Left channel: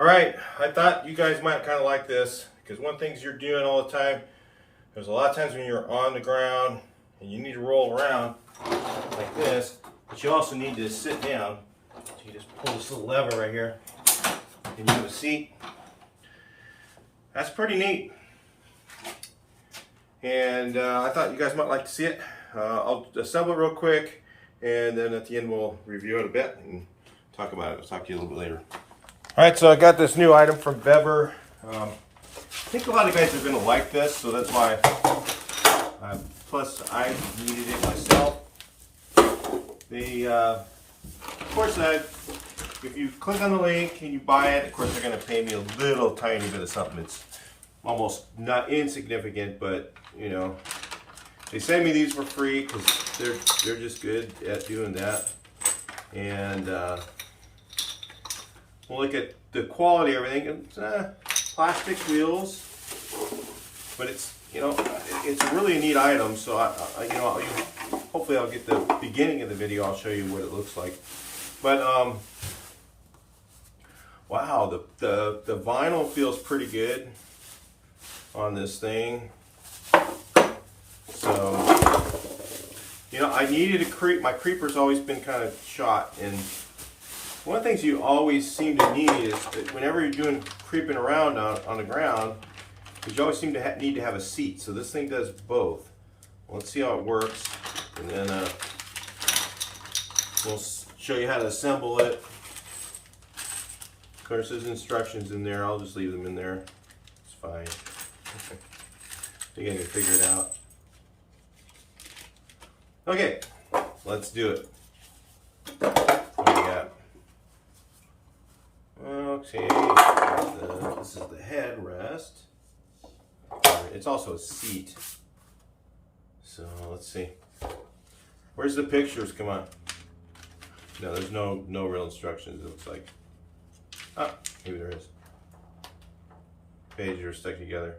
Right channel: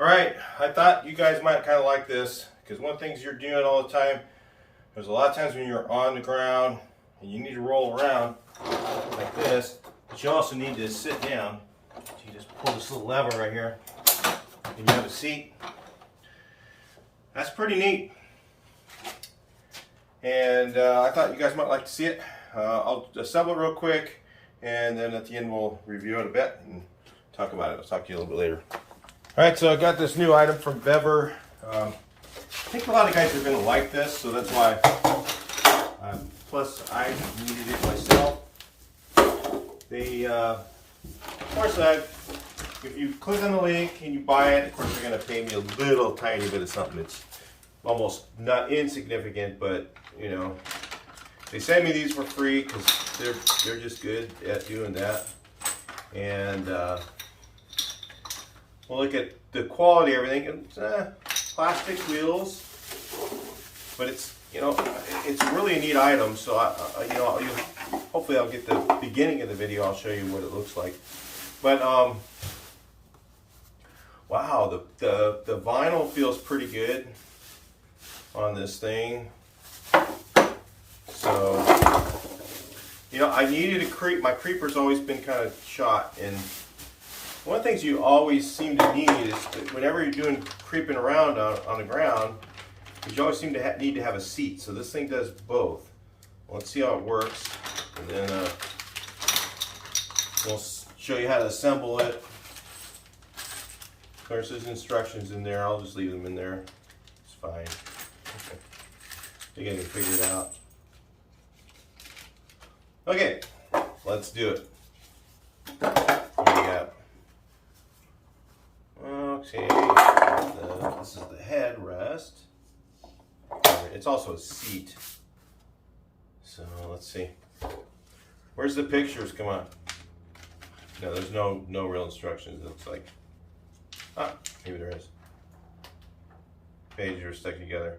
All right, I thought you guys might kind of like this because one of the things you're doing all the time, there's a lot of times when you're on the ground and you need to roll around like this, but you also need to sit down. So you just pull this little lever right here and you have a seat. That's pretty neat. And I thought you guys might like to see it. I'll assemble it real quick and then at the end we'll review it a bit and talk about it. I'll talk to you a little bit later. All right, so I got this new item from VEVOR. I think a lot of guys are going to like this, so that's why. Plus, I needed it myself. They, of course, if you click on the link and you buy it, of course, they're going to pay me a little tiny bit of something. It's almost not insignificant, but you know, they send me these for free because they're just good at doing that. And we'll look at the quality of everything. It's plastic wheels, but it's, you know, it's really a neat item. So hopefully I'll get the beginning of the video. I'll show you what it looks like. But wow, the vinyl feels pretty good on this thing. So, you know, I needed a creep. My creeper's always been kind of shot, and one of the things you always seem to need is that whenever you're doing creeping around on the ground, you always seem to need to have a seat. So this thing does both. Let's see how it works, and then we'll show you how to assemble it. Of course, there's instructions in there. I'll just leave them in there. It's fine. Okay. I think I can figure it out. Okay, let's do it. What do we got? Okay, this is the headrest. It's also a seat. So let's see. Where's the pictures? Come on. No, there's no real instructions. It looks like. Ah, maybe there is. Pages are stuck together.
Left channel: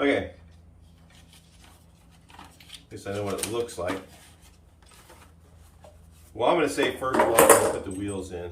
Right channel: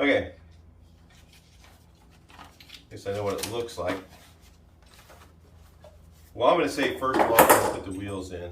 Okay. Guess I know what it looks like. Well, I'm going to say first of all, I'm going to put the wheels in.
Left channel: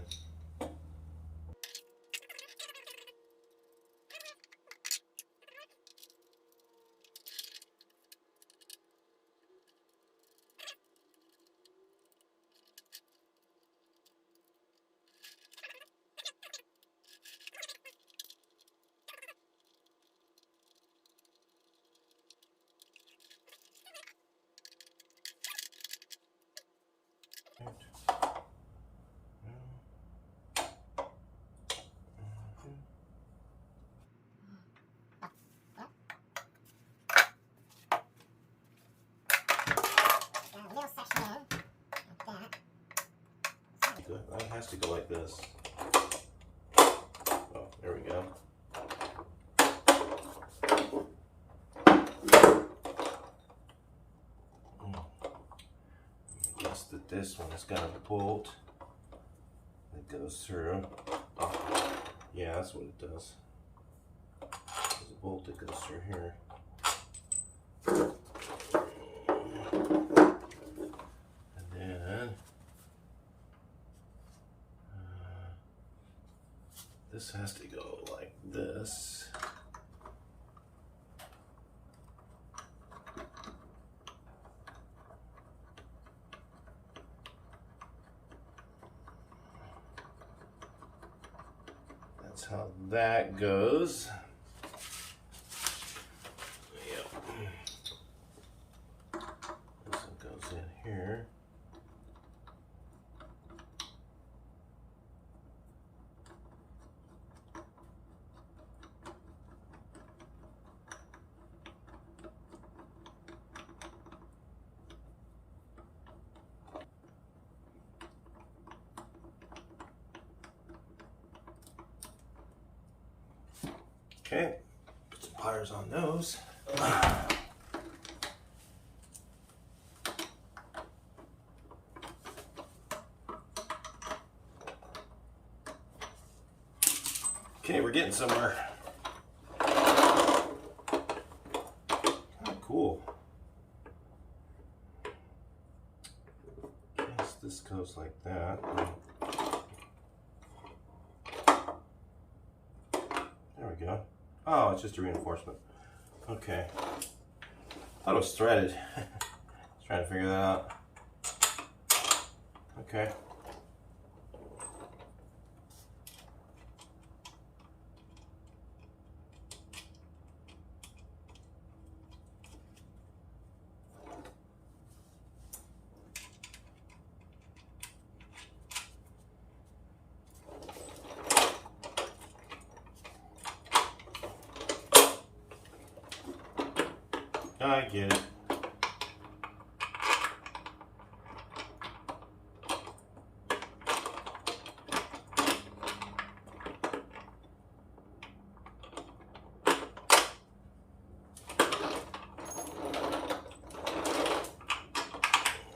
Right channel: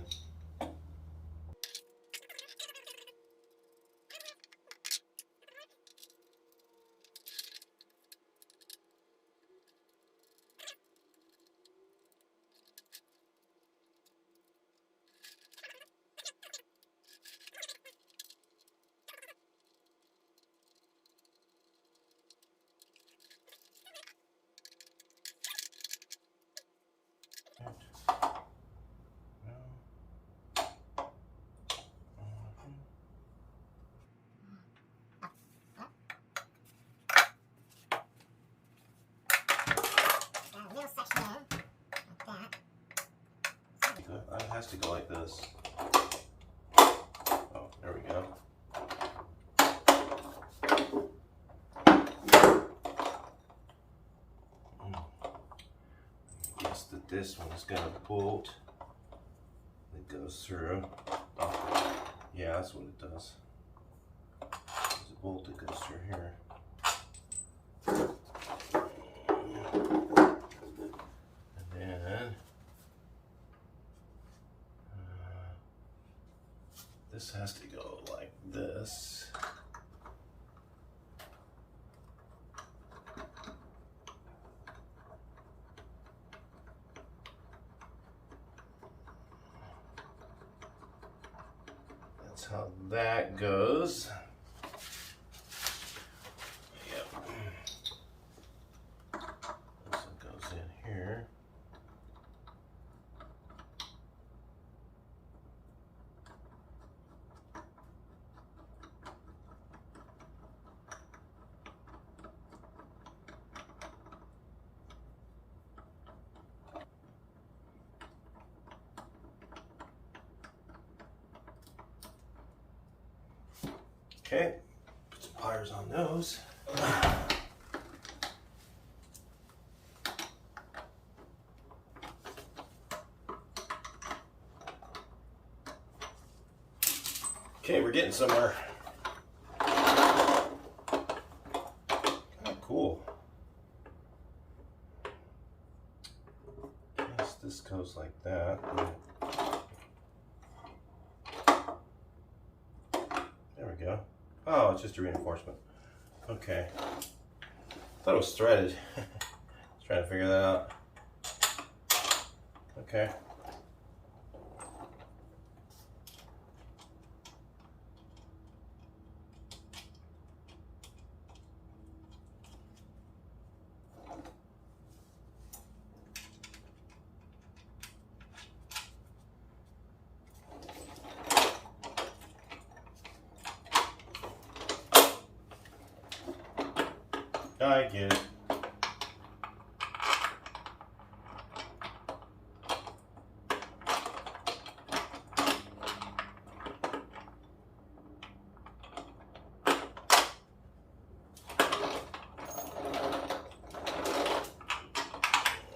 It has to go like this. Oh, there we go. I guess that this one's got a bolt that goes through. Yeah, that's what it does. There's a bolt that goes through here. And then this has to go like this. That's how that goes. Yep. This one goes in here. Okay, put some pliers on those. Okay, we're getting somewhere. Cool. Yes, this goes like that. go. Oh, it's just a reinforcement. Okay. Thought it was threaded. Just trying to figure that out. Okay. I get it.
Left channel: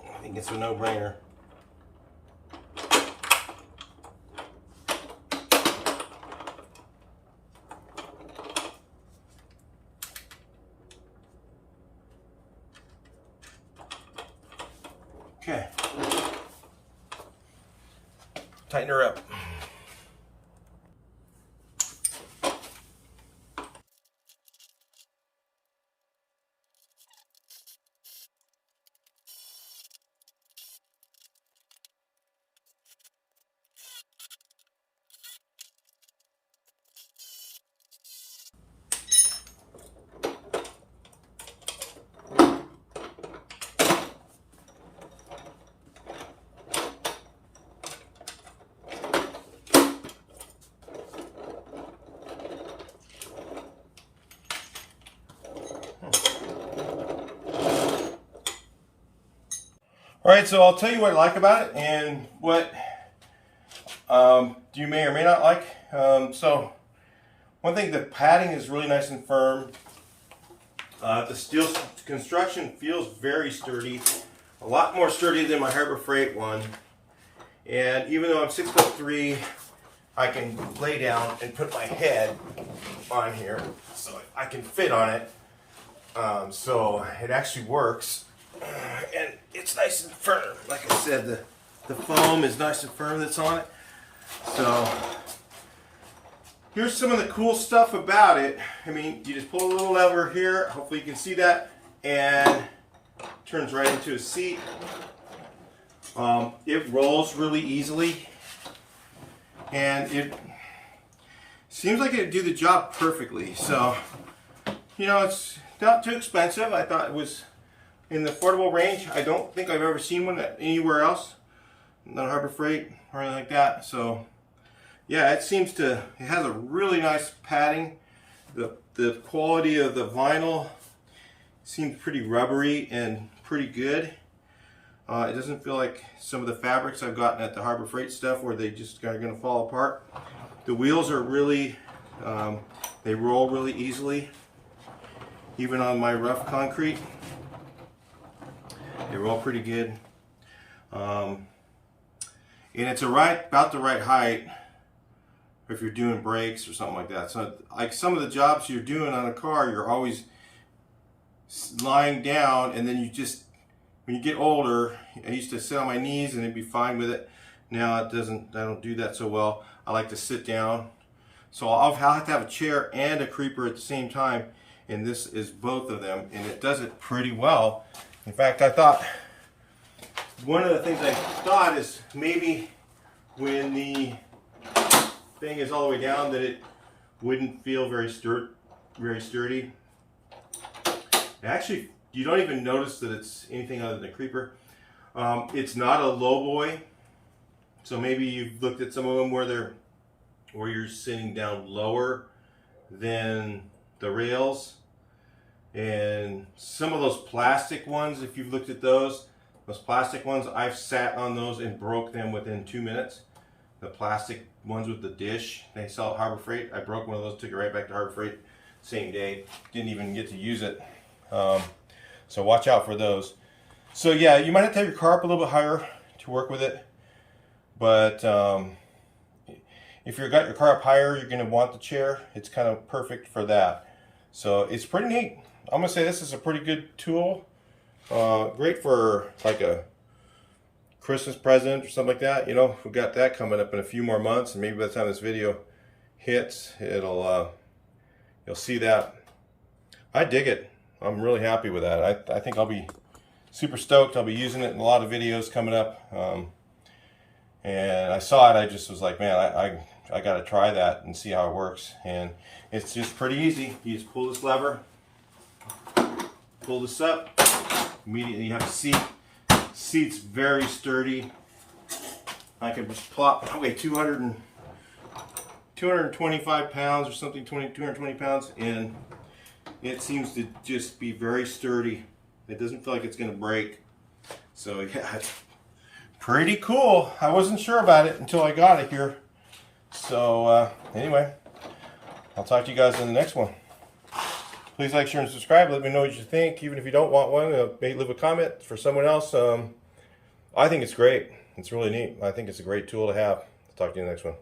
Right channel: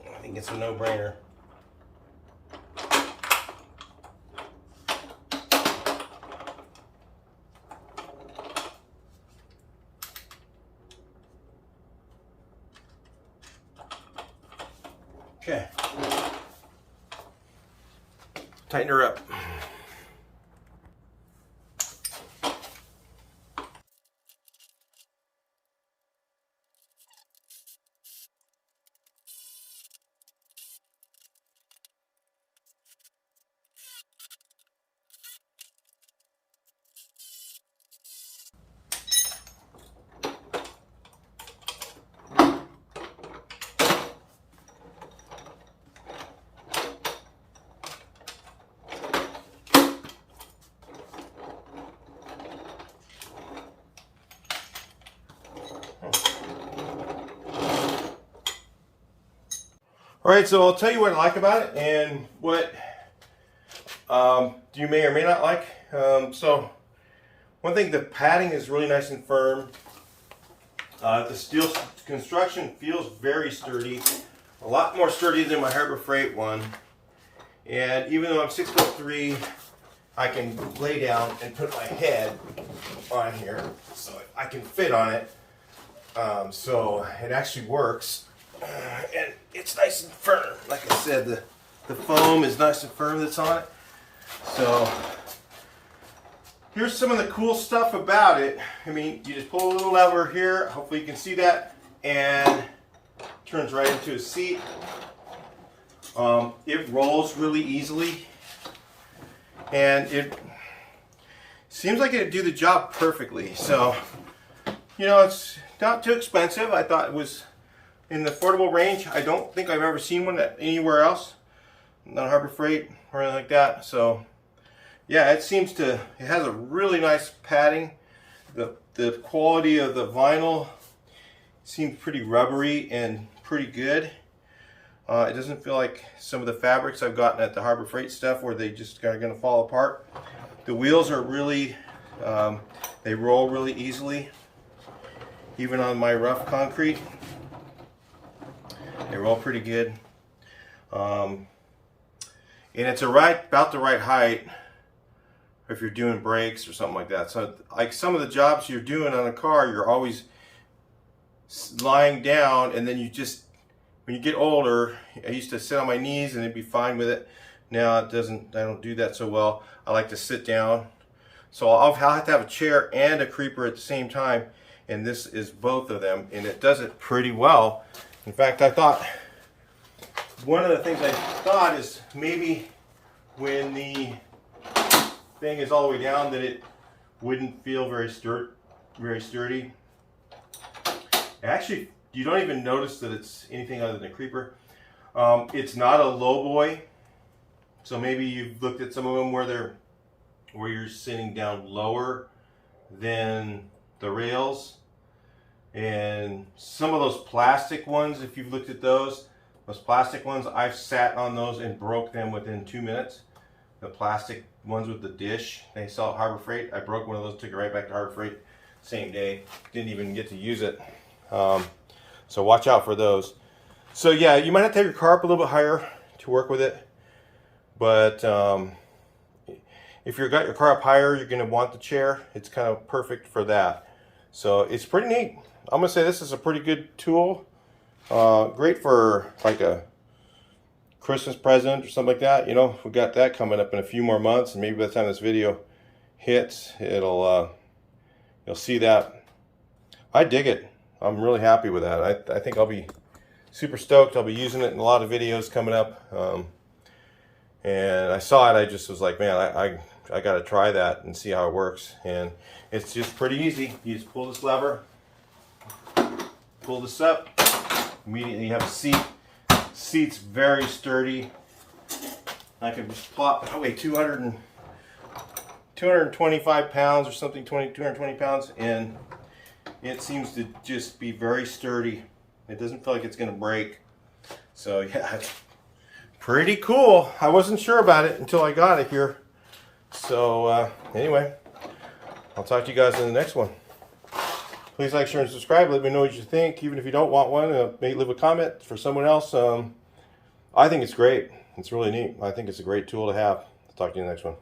I think it's a no-brainer. Okay. Tighten her up. All right, so I'll tell you what I like about it and what you may or may not like. So one thing, the padding is really nice and firm. The steel construction feels very sturdy, a lot more sturdy than my Harbor Freight one. And even though I'm 6'3", I can lay down and put my head on here so I can fit on it. So it actually works. And it's nice and firm. Like I said, the foam is nice and firm that's on it. So here's some of the cool stuff about it. I mean, you just pull a little lever here. Hopefully you can see that. And it turns right into a seat. It rolls really easily. And it seems like it'd do the job perfectly. So, you know, it's not too expensive. I thought it was in the affordable range. I don't think I've ever seen one anywhere else, not Harbor Freight or anything like that. So yeah, it has a really nice padding. The quality of the vinyl seems pretty rubbery and pretty good. It doesn't feel like some of the fabrics I've gotten at the Harbor Freight stuff where they just are going to fall apart. The wheels are really, they roll really easily, even on my rough concrete. They roll pretty good. And it's about the right height if you're doing brakes or something like that. So like some of the jobs you're doing on a car, you're always lying down, and then you just, when you get older, I used to sit on my knees and it'd be fine with it. Now I don't do that so well. I like to sit down. So I'll have to have a chair and a creeper at the same time, and this is both of them, and it does it pretty well. In fact, I thought, one of the things I thought is maybe when the thing is all the way down that it wouldn't feel very sturdy. Actually, you don't even notice that it's anything other than a creeper. It's not a low boy, so maybe you've looked at some of them where you're sitting down lower than the rails. And some of those plastic ones, if you've looked at those plastic ones, I've sat on those and broke them within 2 minutes. The plastic ones with the dish, they sell at Harbor Freight. I broke one of those, took it right back to Harbor Freight same day. Didn't even get to use it. So watch out for those. So yeah, you might have to have your car up a little bit higher to work with it. But if you've got your car up higher, you're going to want the chair. It's kind of perfect for that. So it's pretty neat. I'm going to say this is a pretty good tool. Great for like a Christmas present or something like that. You know, we've got that coming up in a few more months, and maybe by the time this video hits, it'll you'll see that. I dig it. I'm really happy with that. I think I'll be super stoked. I'll be using it in a lot of videos coming up. And I saw it, I just was like, man, I got to try that and see how it works. And it's just pretty easy. You just pull this lever, pull this up, immediately you have a seat. Seat's very sturdy. I can just plop, I weigh 225 pounds or something, 220 pounds, and it seems to just be very sturdy. It doesn't feel like it's going to break. So yeah, it's pretty cool. I wasn't sure about it until I got it here. So anyway, I'll talk to you guys in the next one. Please like, share, and subscribe. Let me know what you think. Even if you don't want one, maybe leave a comment for someone else. I think it's great. It's really neat. I think it's a great tool to have. I'll talk to you in the next one.